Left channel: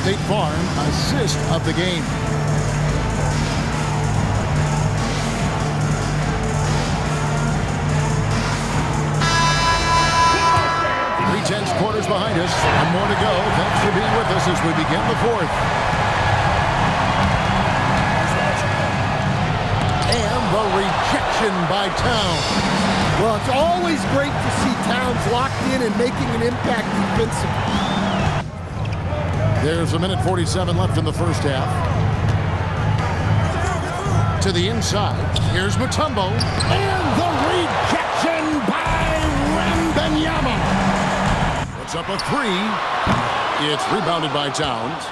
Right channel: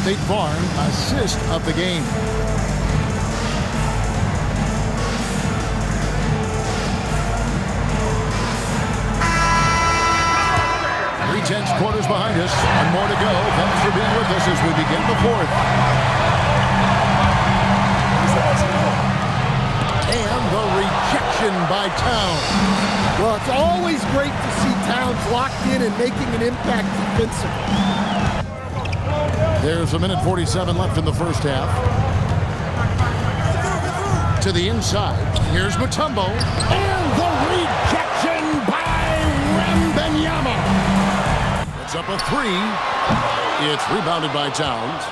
State Farm assist of the game. Three-tenths quarters behind us. One more to go. Thanks for being with us as we begin the fourth. And the rejection by Towns. Well, it's always great to see Towns locked in and making an impact defensively. There's 1:47 left in the first half. To the inside. Here's Mutombo. And the rejection by Wembanyama. Puts up a three. It's rebounded by Towns.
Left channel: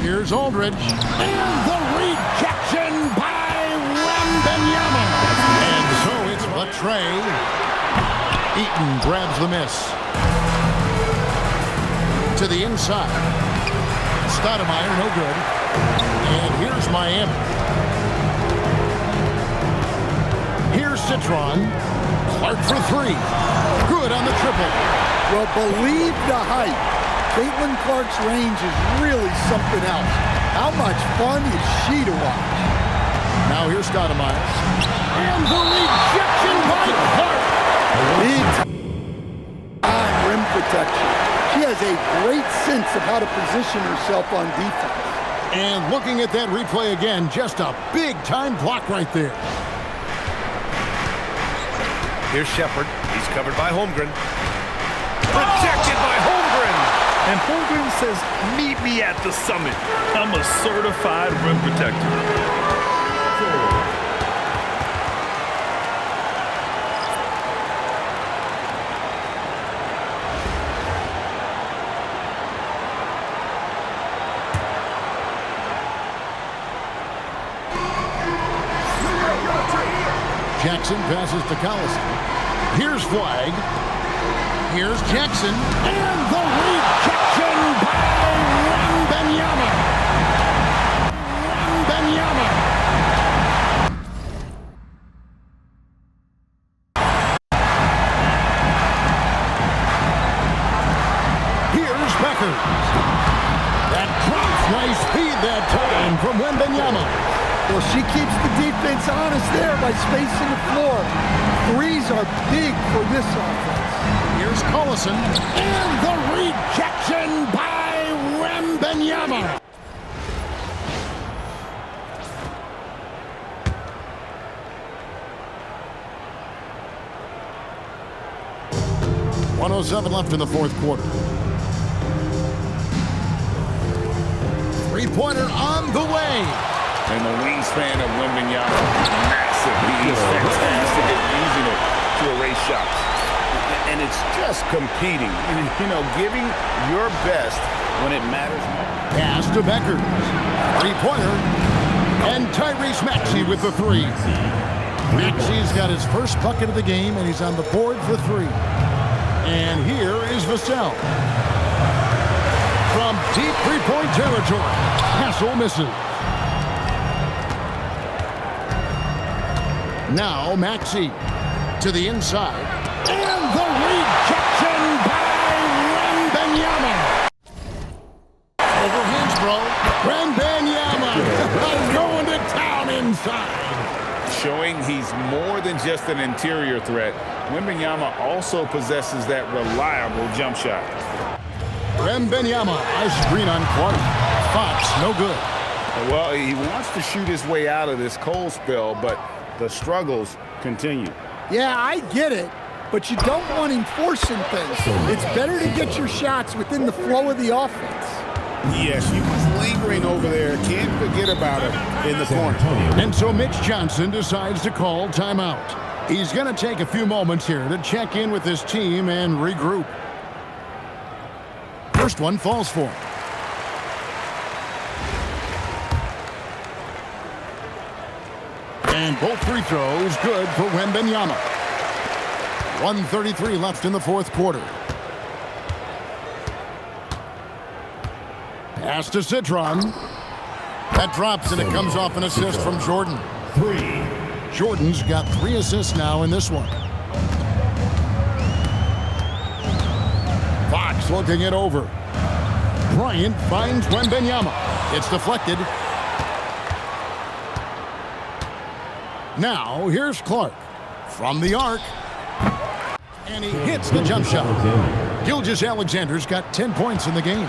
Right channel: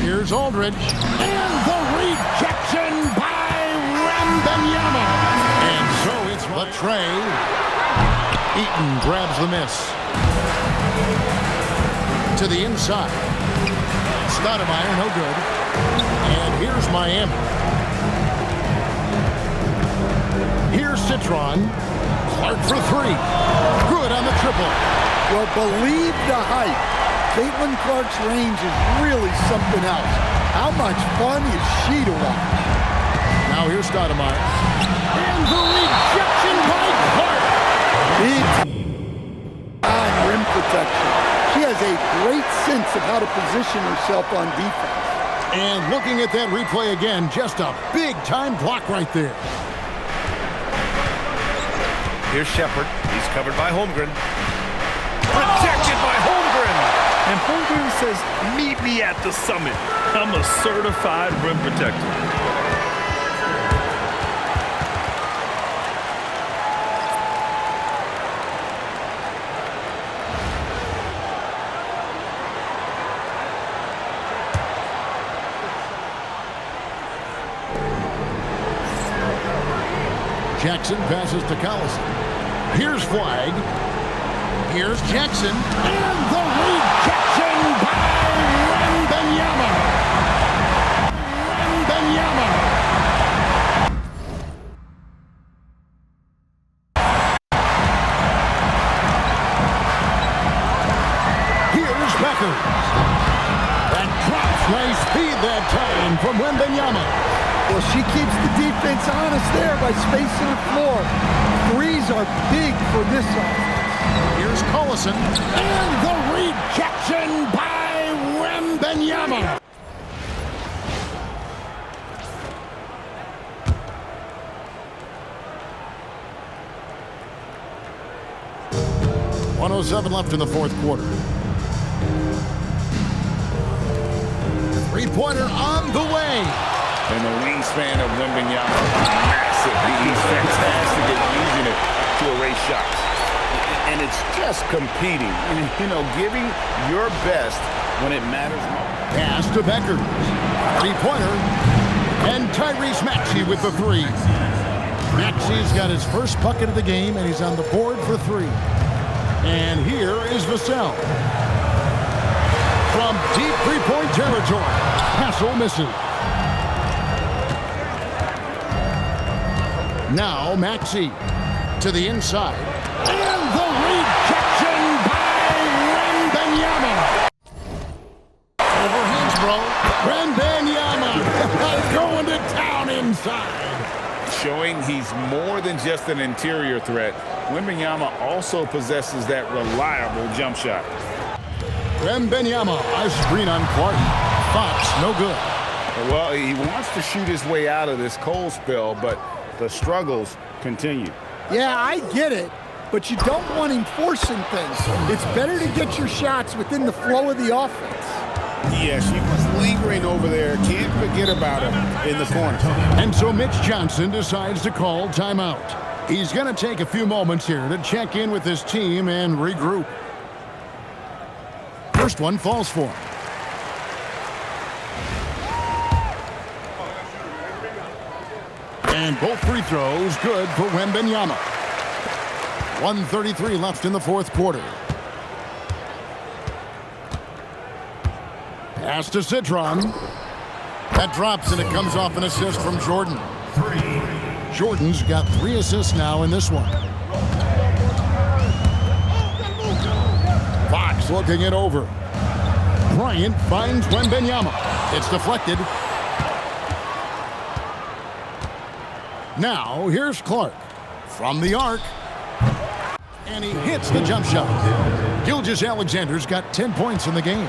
Here's Aldridge. And the rejection by Wembanyama. And so it's Latrey. Eaton grabs the miss. To the inside. Stoudemire, no good. And here's Miami. Here's Citron. Clark for three. Good on the triple. Well, believe the hype. Caitlin Clark's range is really something else. How much fun is she to watch? Now here's Stoudemire. And the rejection by Clark. Big time rim protection. She has a great sense of how to position herself on defense. And looking at that replay again, just a big-time block right there. Here's Shepard. He's covered by Holmgren. Rejected by Holmgren. And Holmgren says, meet me at the summit. I'm a certified rim protector. Jackson passes to Collison. Here's Flag. Here's Jackson. And the rejection by Wembanyama. Wembanyama. Here's Beckers. That drops. Nice feed that time from Wembanyama. Well, she keeps the defense honest there by spacing the floor. Threes are big for this offense. Here's Collison. And the rejection by Wembanyama. .107 left in the fourth quarter. Three-pointer on the way. And the wingspan of Wembanyama, massive. He's fantastic at using it to erase shots. And it's just competing, you know, giving your best when it matters most. Pass to Beckers. Three-pointer. And Tyrese Maxey with the three. Maxey's got his first bucket of the game, and he's on the board for three. And here is Vassell. From deep three-point territory. Hassel misses. Now Maxey to the inside. And the rejection by Wembanyama. Overhands, bro. Wembanyama going to town inside. Showing he's more than just an interior threat. Wembanyama also possesses that reliable jump shot. Wembanyama, a screen on Clark. Fox, no good. Well, he wants to shoot his way out of this cold spell, but the struggles continue. Yeah, I get it, but you don't want him forcing things. It's better to get your shots within the flow of the offense. Yes, he was lingering over there. Can't forget about him in the corner. And so Mitch Johnson decides to call timeout. He's going to take a few moments here to check in with his team and regroup. First one falls for him. And both free throws good for Wembanyama. 1:33 left in the fourth quarter. Pass to Citron. That drops and it comes off an assist from Jordan. Jordan's got 3 assists now in this one. Fox Clark's looking it over. Bryant finds Wembanyama. It's deflected. Now, here's Clark from the arc. And he hits the jump shot. Gilgeous-Alexander's got 10 points in the game.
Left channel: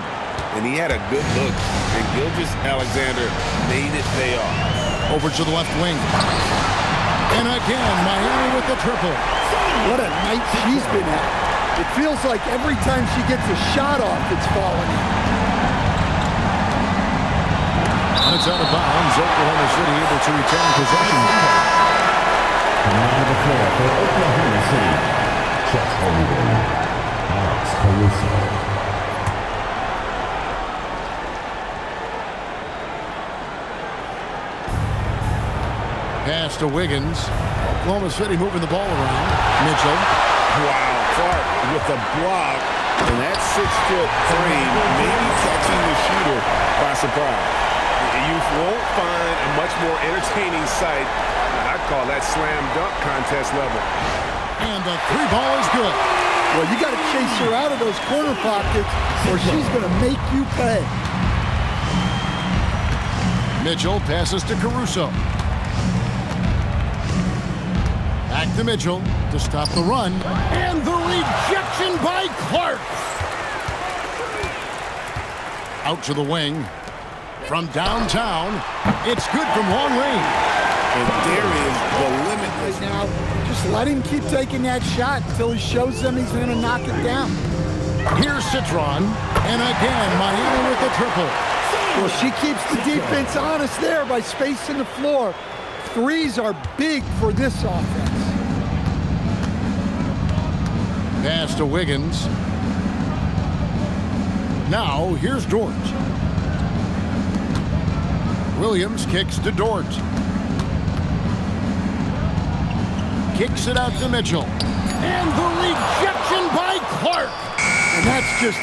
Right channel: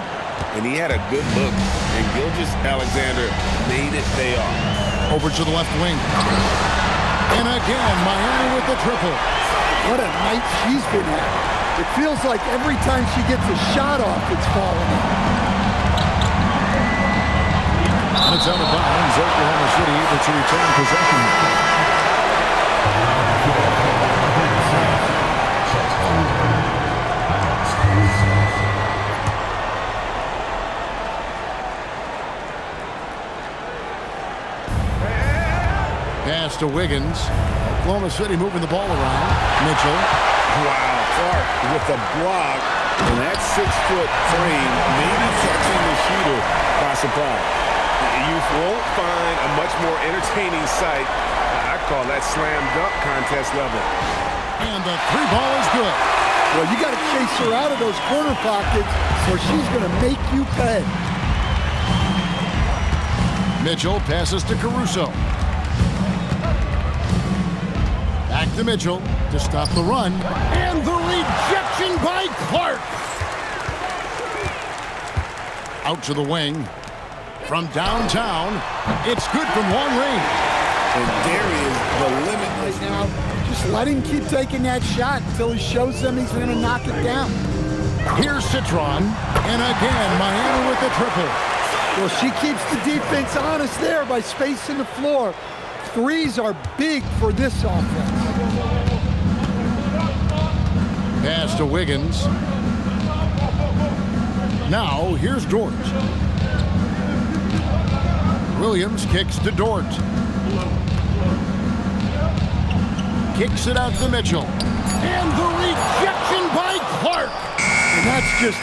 And he had a good look, and Gilgeous-Alexander made it pay off. Over to the left wing. And again, Miami with the triple. What a night she's been at. It feels like every time she gets a shot off, it's falling in. And it's out of bounds. Oklahoma City able to retain possession. On the floor for Oklahoma City, shot holder, Alex Caruso. Pass to Wiggins. Oklahoma City moving the ball around. Mitchell. Wow, Clark with a block, and that 6-foot frame maybe catching the shooter by surprise. You won't find a much more entertaining sight. I'd call that slam dunk contest level. And the three ball is good. Well, you got to chase her out of those corner pockets or she's going to make you pay. Mitchell passes to Caruso. Back to Mitchell to stop the run. And the rejection by Clark. Out to the wing. From downtown, it's good from long range. And there is the limitless. Right now, just let him keep taking that shot until he shows them he's going to knock it down. Here's Citron. And again, Miami with the triple. Well, she keeps the defense honest there by spacing the floor. Threes are big for this offense. Pass to Wiggins. Now, here's Dort. Williams kicks to Dort. Kicks it out to Mitchell. And the rejection by Clark. And that's just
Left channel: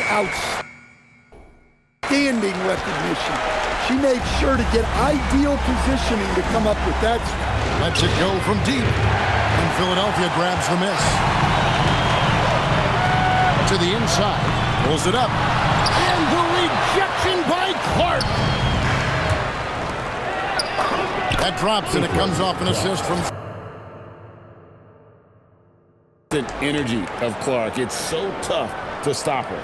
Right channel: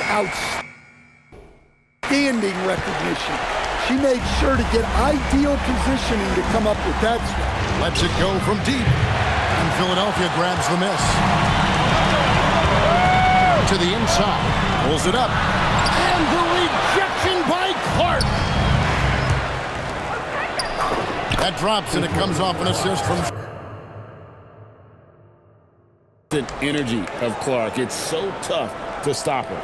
outstanding recognition. She made sure to get ideal positioning to come up with that shot. Lets it go from deep. And Philadelphia grabs the miss. To the inside. Pulls it up. And the rejection by Clark. That drops and it comes off an assist from... The energy of Clark. It's so tough to stop her.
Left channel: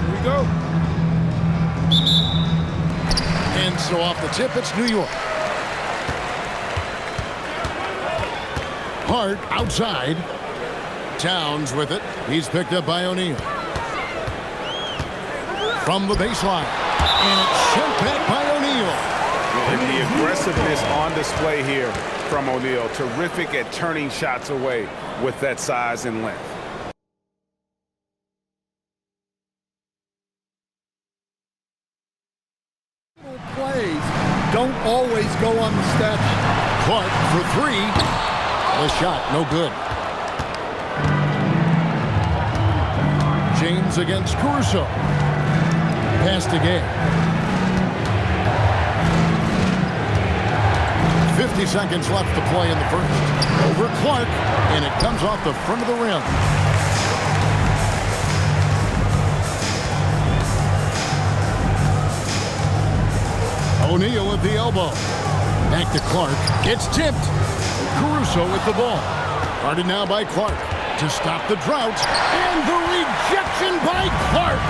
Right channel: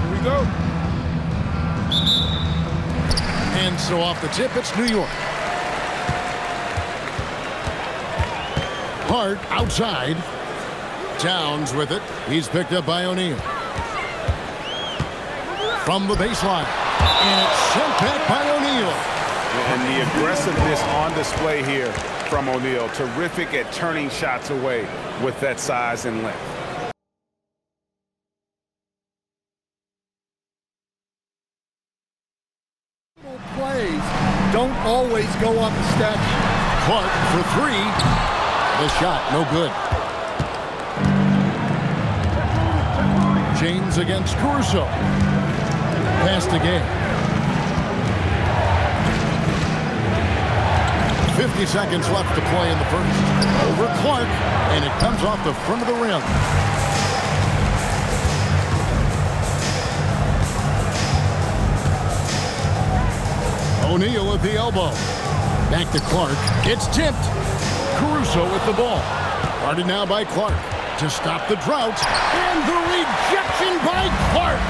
Here we go. And so off the tip, it's New York. Hart outside. Towns with it. He's picked up by O'Neal. From the baseline. And it's sent back by O'Neal. And the aggressiveness on display here from O'Neal. Terrific at turning shots away with that size and length. Little plays don't always go on the stat sheet. Clark for three. The shot, no good. James against Caruso. Pass to Gay. 50 seconds left to play in the first. Over Clark, and it comes off the front of the rim. O'Neal at the elbow. Back to Clark. It's tipped. Caruso with the ball. Guarded now by Clark. To stop the drought, and the rejection by Clark.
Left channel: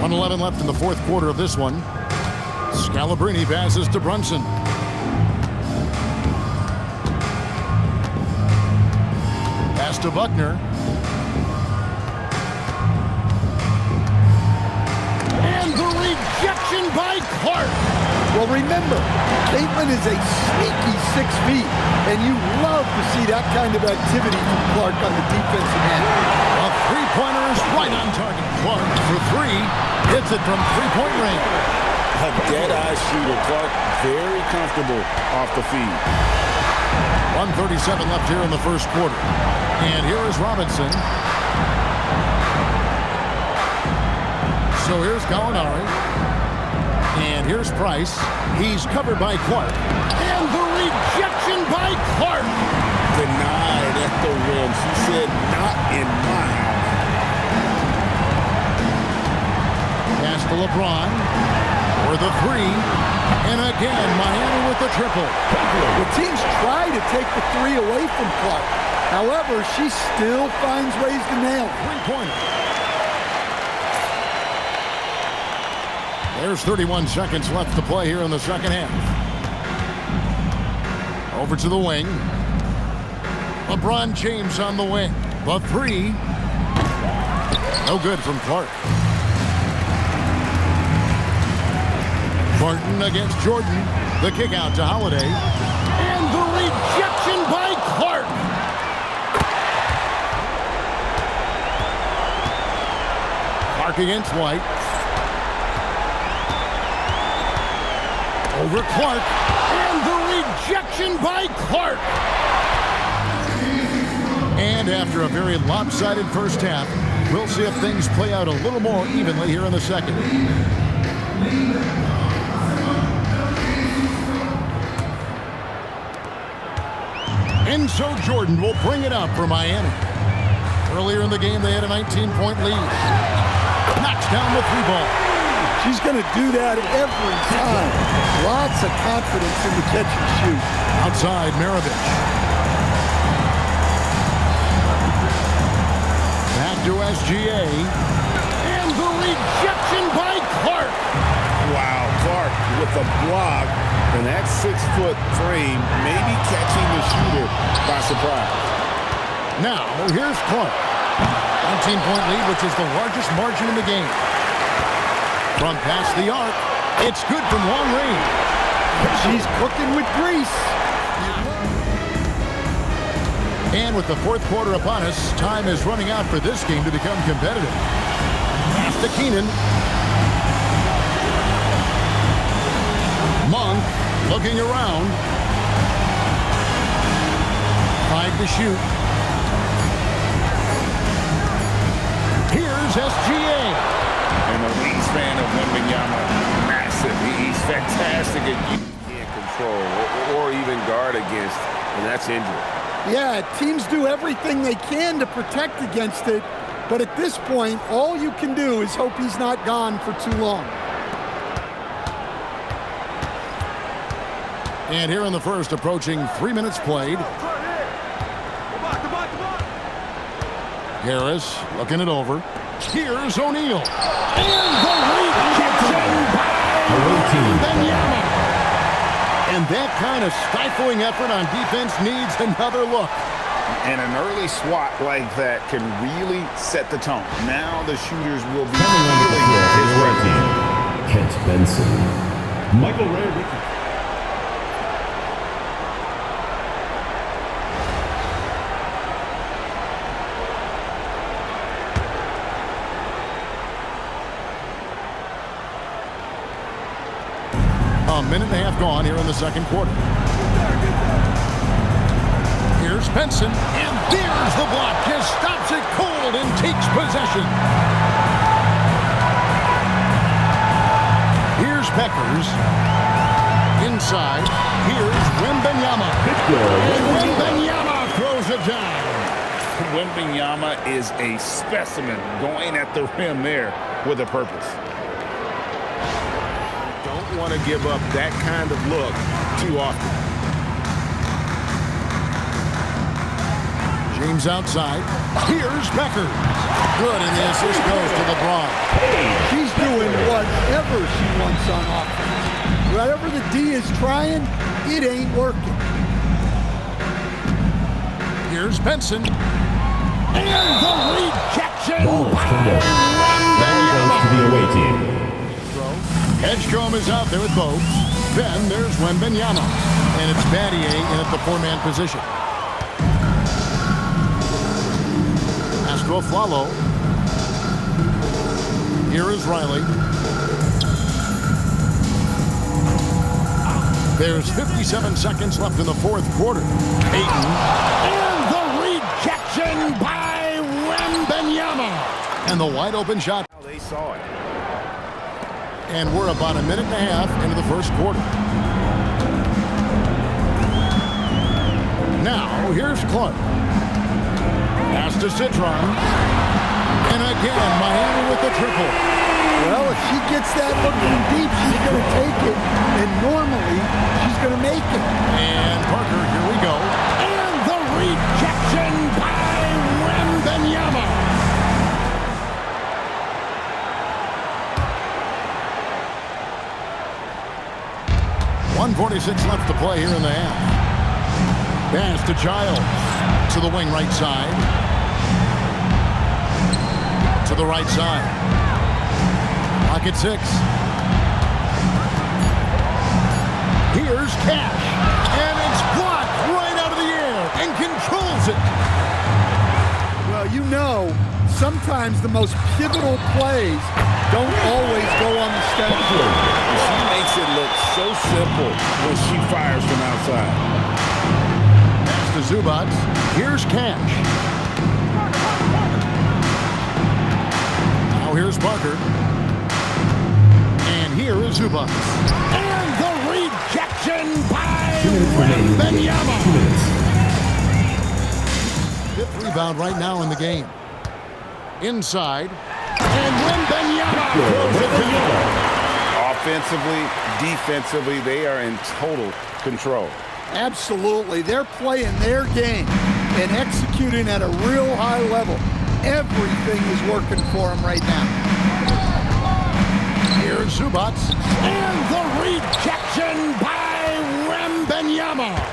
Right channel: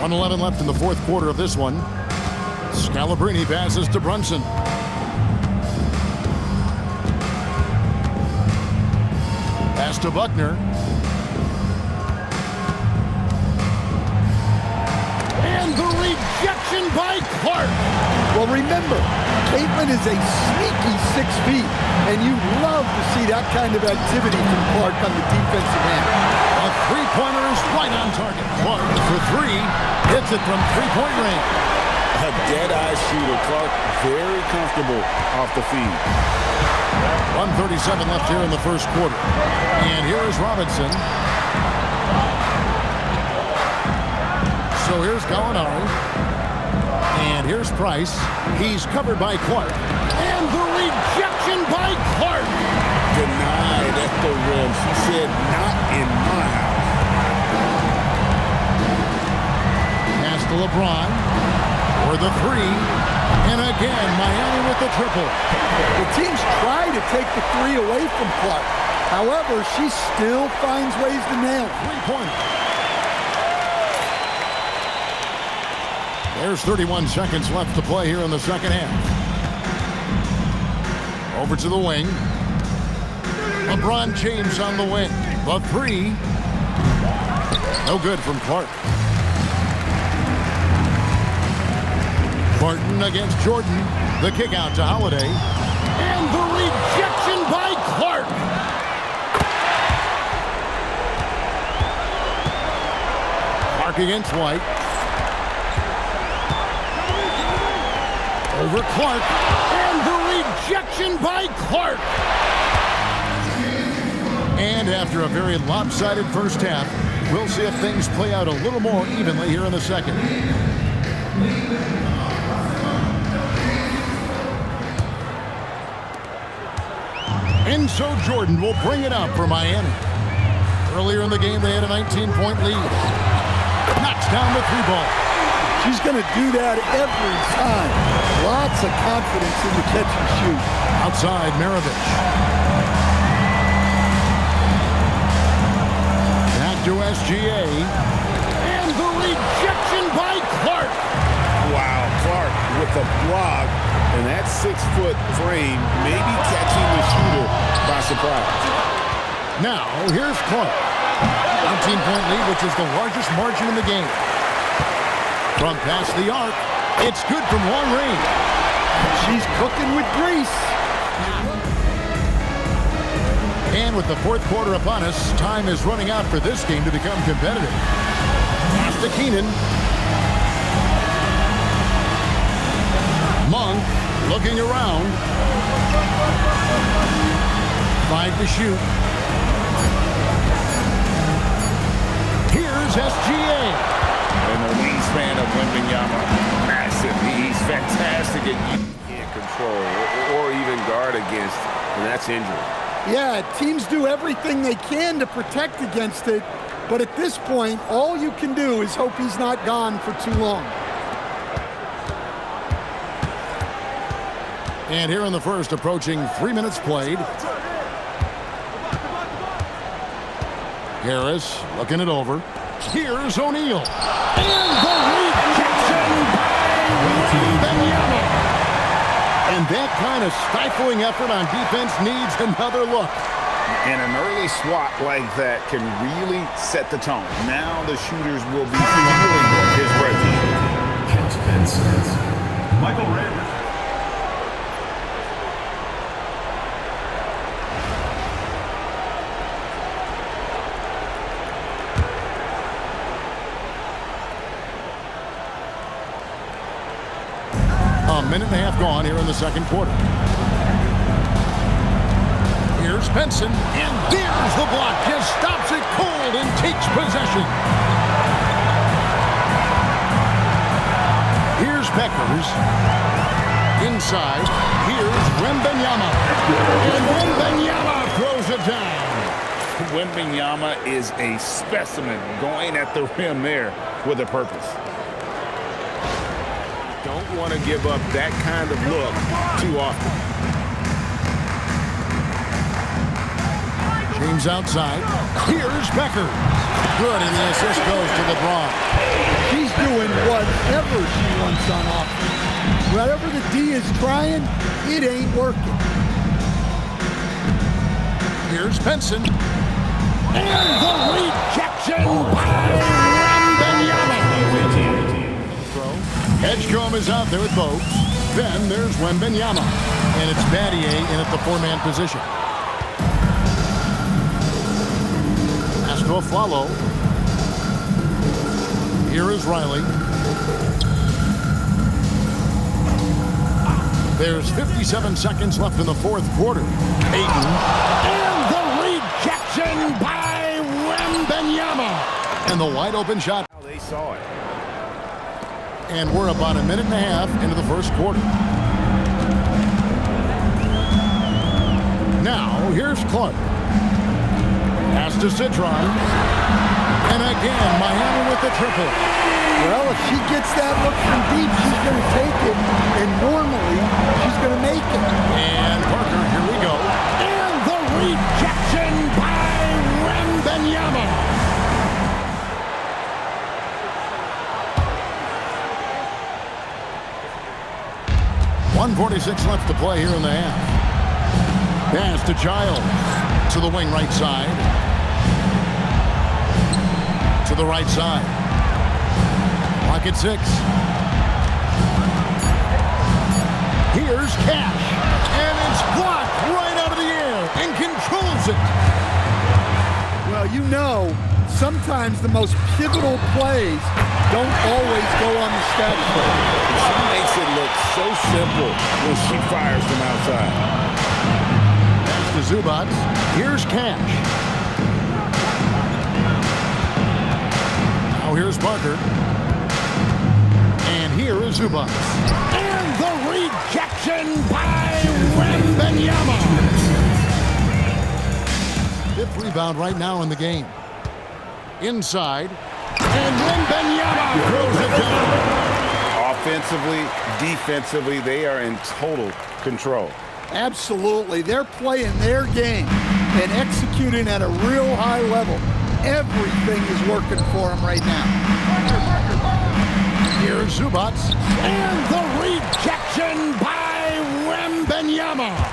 .111 left in the fourth quarter of this one. Scalabrine passes to Brunson. Pass to Buckner. And the rejection by Clark. Well, remember, Caitlin is a sneaky 6 feet, and you love to see that kind of activity from Clark on the defensive end. A three-pointer is right on target. Clark for three. Hits it from three-point range. A dead-eye shooter. Clark very comfortable off the feed. 1:37 left here in the first quarter. And here is Robinson. So here's Gallinari. And here's Price. He's covered by Clark. And the rejection by Clark. Denied at the rim. She said, not in my house. Pass to LeBron for the three. And again, Miami with the triple. The teams try to take the three away from Clark. However, she still finds ways to nail it. Three-pointer. There's 31 seconds left to play here in the second half. Over to the wing. LeBron James on the wing. The three. No good from Clark. Barton against Jordan. The kick out to Holiday. And the rejection by Clark. Clark against White. Over Clark. And the rejection by Clark. And after a very lopsided first half, we'll see if things play out a little more evenly here in the second. And so Jordan will bring it up for Miami. Earlier in the game, they had a 19-point lead. Knocks down the three ball. She's going to do that every time. Lots of confidence in the catch and shoot. Outside, Maravich. Back to SGA. And the rejection by Clark. Wow, Clark with a block. And that 6-foot frame maybe catching the shooter by surprise. Now, here's Clark. 19-point lead, which is the largest margin in the game. From past the arc, it's good from long range. She's cooking with grease. And with the fourth quarter upon us, time is running out for this game to become competitive. Pass to Keenan. Monk looking around. 5 to shoot. Here's SGA. And the wingspan of Wembanyama, massive. He's fantastic at Can't control or even guard against, and that's injury. Yeah, teams do everything they can to protect against it, but at this point, all you can do is hope he's not gone for too long. And here in the first, approaching 3 minutes played. Harris looking it over. Here's O'Neal. And the rejection by Wembanyama. And that kind of stifling effort on defense needs another look. And an early swat like that can really set the tone. Now the shooters will be feeling his refuge. Kent Benson. Michael Ray. A minute and a half gone here in the second quarter. Here's Benson, and there's the block. Just stops it cold and takes possession. Here's Beckers. Inside, here's Wembanyama. And Wembanyama throws it down. Wembanyama is a specimen going at the rim there with a purpose. Don't want to give up that kind of look too often. James outside. Here's Becker. Good, and the assist goes to LeBron. She's doing whatever she wants on offense. Whatever the D is trying, it ain't working. Here's Benson. And the rejection by Wembanyama. Edgecombe is out there with Bogues. Then there's Wembanyama. And it's Battier in at the four-man position. Pass to to Aflalo. Here is Riley. There's 57 seconds left in the fourth quarter. Ayton. And the rejection by Wembanyama. And the wide open shot. They saw it. And we're about a minute and a half into the first quarter. Now, here's Clark. Pass to Citron. And again, Miami with the triple. Well, if she gets that look from deep, she's going to take it. And normally, she's going to make it. And Parker, here we go. And the rejection by Wembanyama. 1:46 left to play here in the half. Pass to Giles. To the wing right side. To the right side. Clock at 6. Here's Cash. And it's blocked right out of the air and controls it. Well, you know, sometimes the most pivotal plays don't always go on the stat sheet. She makes it look so simple when she fires from outside. Pass to Zubac. Here's Cash. Now here's Parker. And here is Zubac. And the rejection by Wembanyama. Fifth rebound right now in the game. Inside. And Wembanyama throws it down. Offensively, defensively, they are in total control. Absolutely. They're playing their game and executing at a real high level. Everything is working for them right now. Here's Zubac. And the rejection by Wembanyama.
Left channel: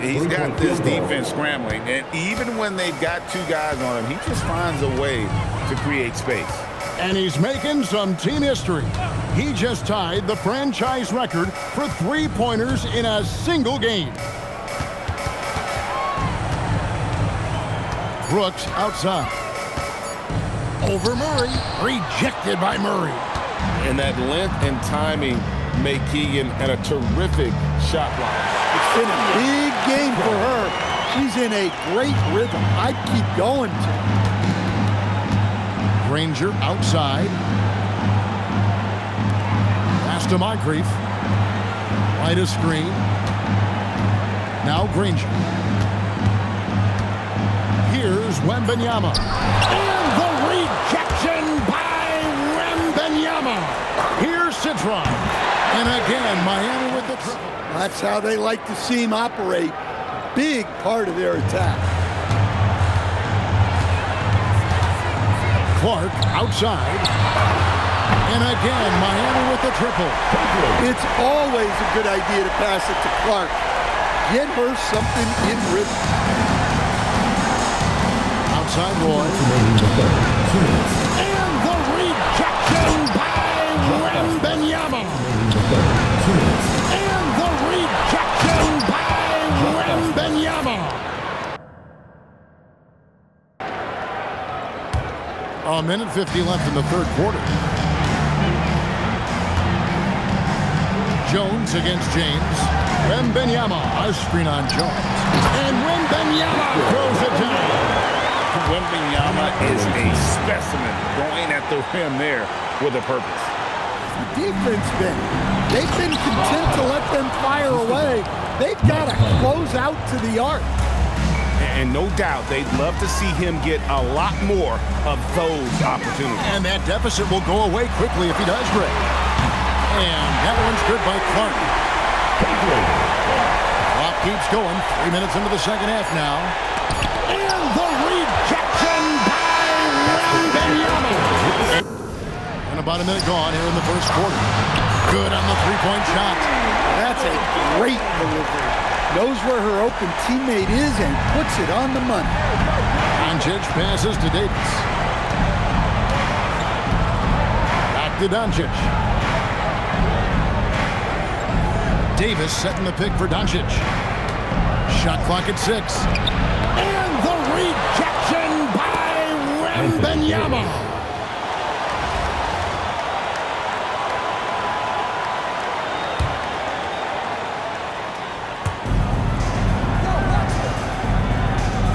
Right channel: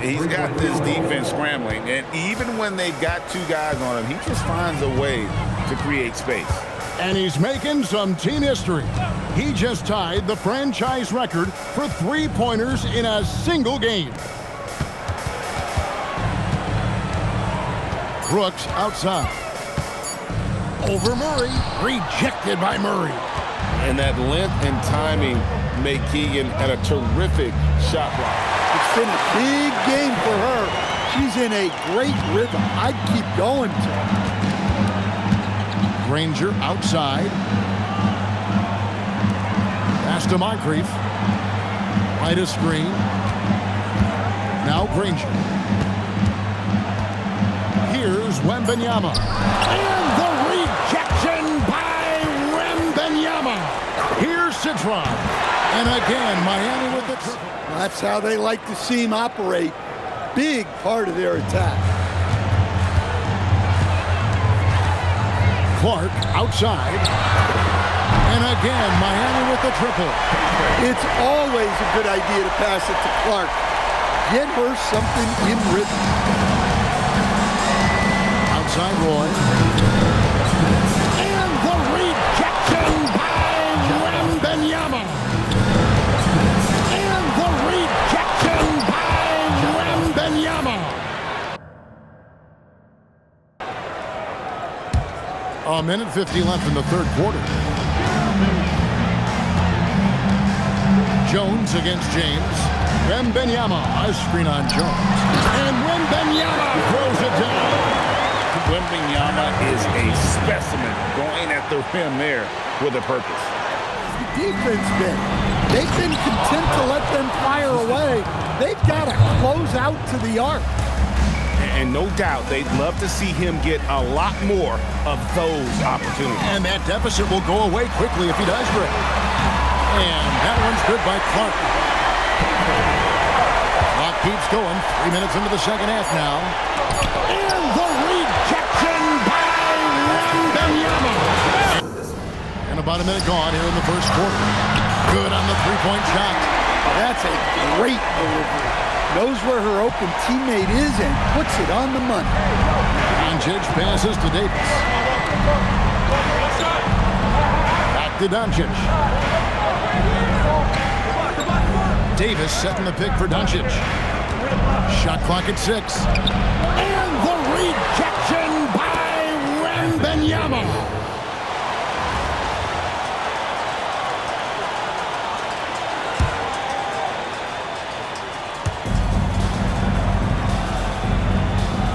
He's got this defense scrambling, and even when they've got two guys on him, he just finds a way to create space. And he's making some team history. He just tied the franchise record for three-pointers in a single game. Brooks outside. Over Murray. Rejected by Murray. And that length and timing make Keegan at a terrific shot block. It's been a big game for her. She's in a great rhythm. I'd keep going to her. Granger outside. Pass to Moncrief. Wide a screen. Now Granger. Here's Wembanyama. And the rejection by Wembanyama. Here's Citron. And again, Miami with the triple. That's how they like to see him operate. Big part of their attack. Clark outside. And again, Miami with the triple. It's always a good idea to pass it to Clark. Get her something in rhythm. Outside Roy. And the rejection by Wembanyama. And the rejection by Wembanyama. A minute 50 left in the third quarter. Jones against James. Wembanyama, a screen on Jones. And Wembanyama throws it down. Wembanyama is a specimen going at the rim there with a purpose. The defense they've been content to let them fire away. They've got to close out to the arc. And no doubt they'd love to see him get a lot more of those opportunities. And that deficit will go away quickly if he does, Greg. And that one's good by Clark. Clock keeps going. 3 minutes into the second half now. And the rejection by Wembanyama. And about a minute gone here in the first quarter. Good on the three-point shot. That's a great delivery. Knows where her open teammate is and puts it on the money. Doncic passes to Davis. Back to Doncic. Davis setting the pick for Doncic. Shot clock at 6. And the rejection by Wembanyama.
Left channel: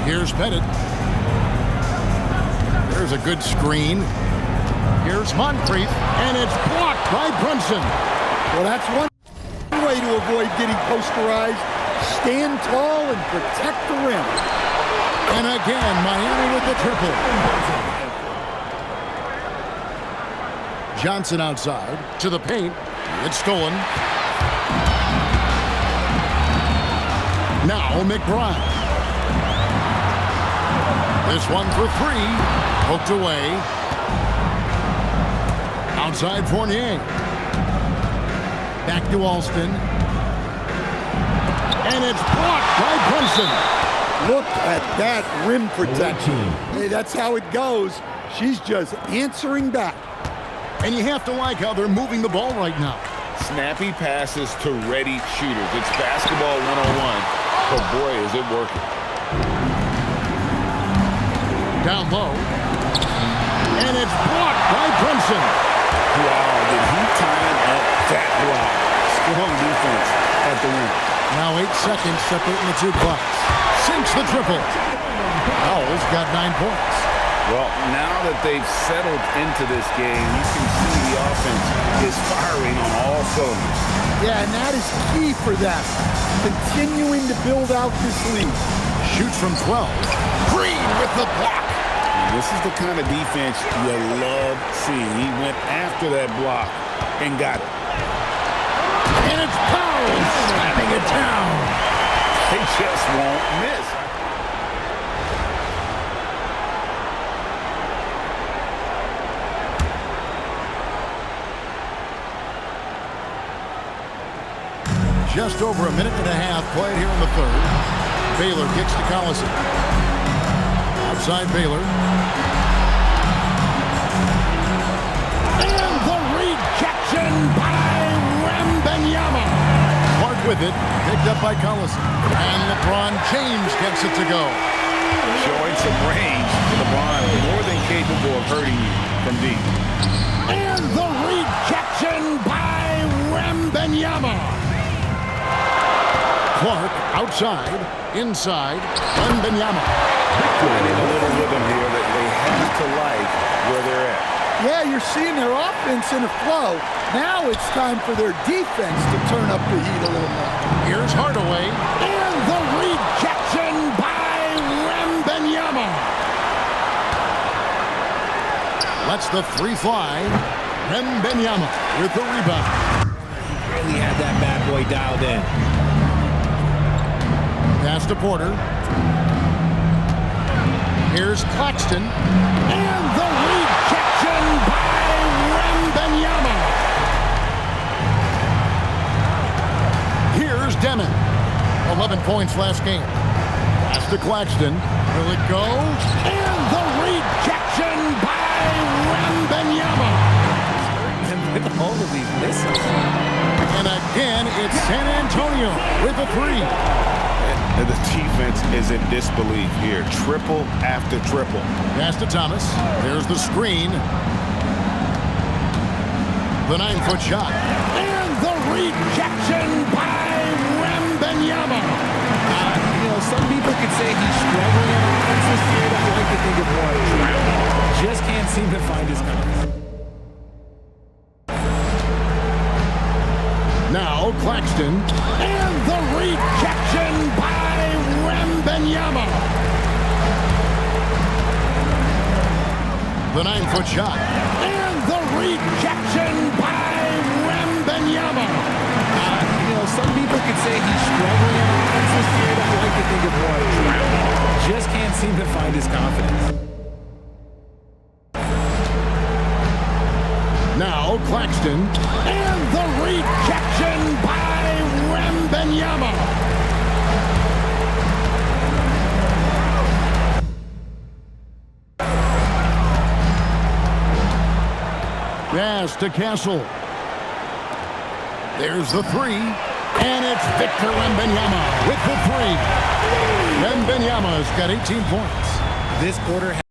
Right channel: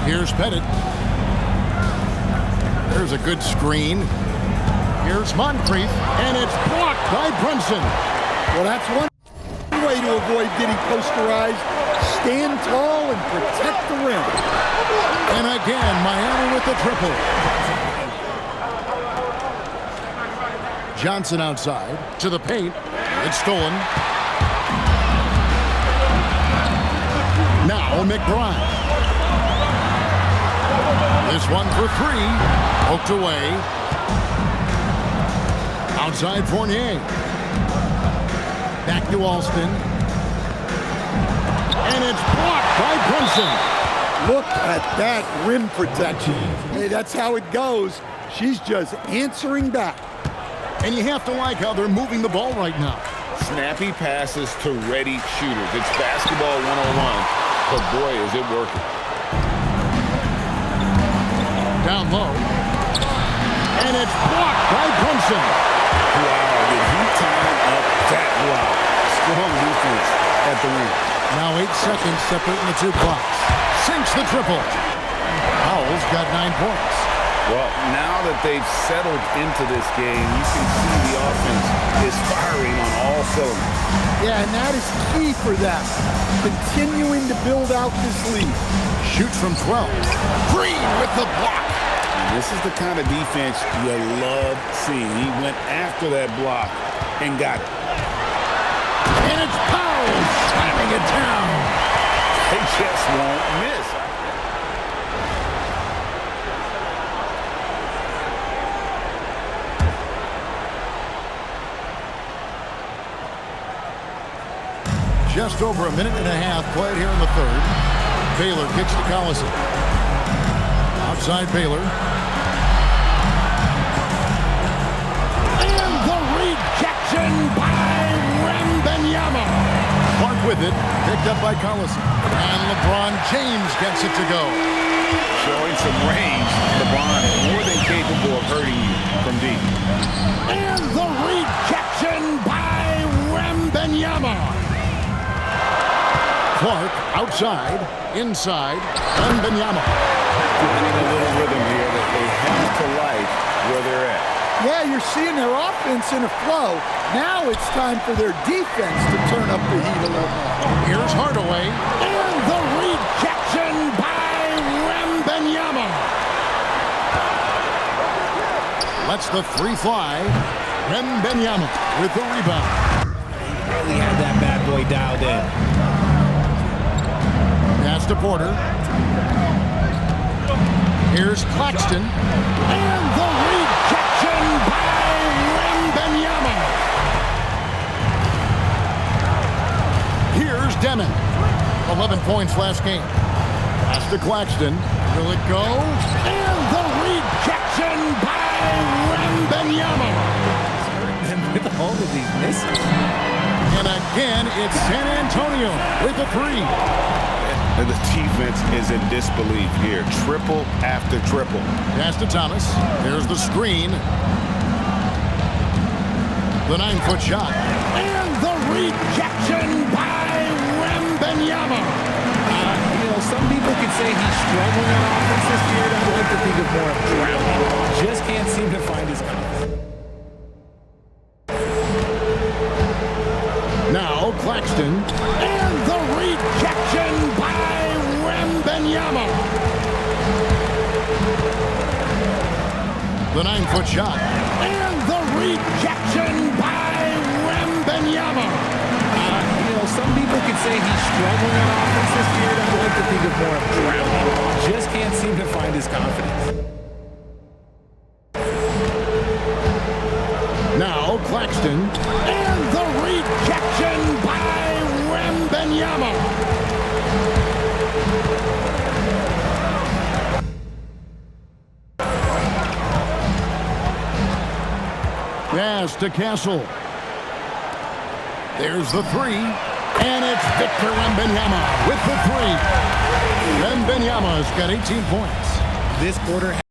Here's Pettit. There's a good screen. Here's Moncrief, and it's blocked by Brunson. Well, that's one way to avoid getting posterized. Stand tall and protect the rim. And again, Miami with the triple. Johnson outside to the paint. It's stolen. Now McBride. This one for three. Poked away. Outside Fournier. Back to Alston. And it's blocked by Brunson. Look at that rim protection. Hey, that's how it goes. She's just answering back. And you have to like how they're moving the ball right now. Snappy passes to ready shooters. It's basketball 101, but boy, is it working. Down low. And it's blocked by Brunson. Wow, did he time up that block? Strong defense at the rim. Now 8 seconds separating the two clocks. Sinks the triple. Howell's got 9 points. Well, now that they've settled into this game, you can see the offense is firing on all cylinders. Yeah, and that is key for them. Continuing to build out this lead. Shoots from 12. Green with the block. And this is the kind of defense you love seeing. He went after that block and got it. And it's Powell slamming it down. They just won't miss. Just over a minute and a half played here in the third. Baylor kicks to Collison. Outside Baylor. And the rejection by Wembanyama. Clark with it, picked up by Collison. And LeBron James gets it to go. Showing some range, LeBron more than capable of hurting you from deep. And the rejection by Wembanyama. Clark outside, inside, Wembanyama. Finding a little rhythm here that they have to like where they're at. Yeah, you're seeing their offense in a flow. Now it's time for their defense to turn up the heat a little more. Here's Hardaway. And the rejection by Wembanyama. Lets the three fly. Wembanyama with the rebound. He really had that bad boy dialed in. Pass to Porter. Here's Claxton. And the rejection by Wembanyama. Here's Demon. 11 points last game. Pass to Claxton. Will it go? And the rejection by Wembanyama. And with all of these misses. And again, it's San Antonio with a three. And the defense is in disbelief here. Triple after triple. Pass to Thomas. There's the screen. The 9-foot shot. And the rejection by Wembanyama. Some people could say he's struggling on offense this year. I like to think of more drowning. Just can't seem to find his confidence. Now Claxton. And the rejection by Wembanyama. The 9-foot shot. And the rejection by Wembanyama. Some people could say he's struggling on offense this year. I like to think of more drowning. Just can't seem to find his confidence. Now Claxton. And the rejection by Wembanyama. Pass to Castle. There's the three. And it's Victor Wembanyama with the three. Wembanyama's got 18 points. this quarter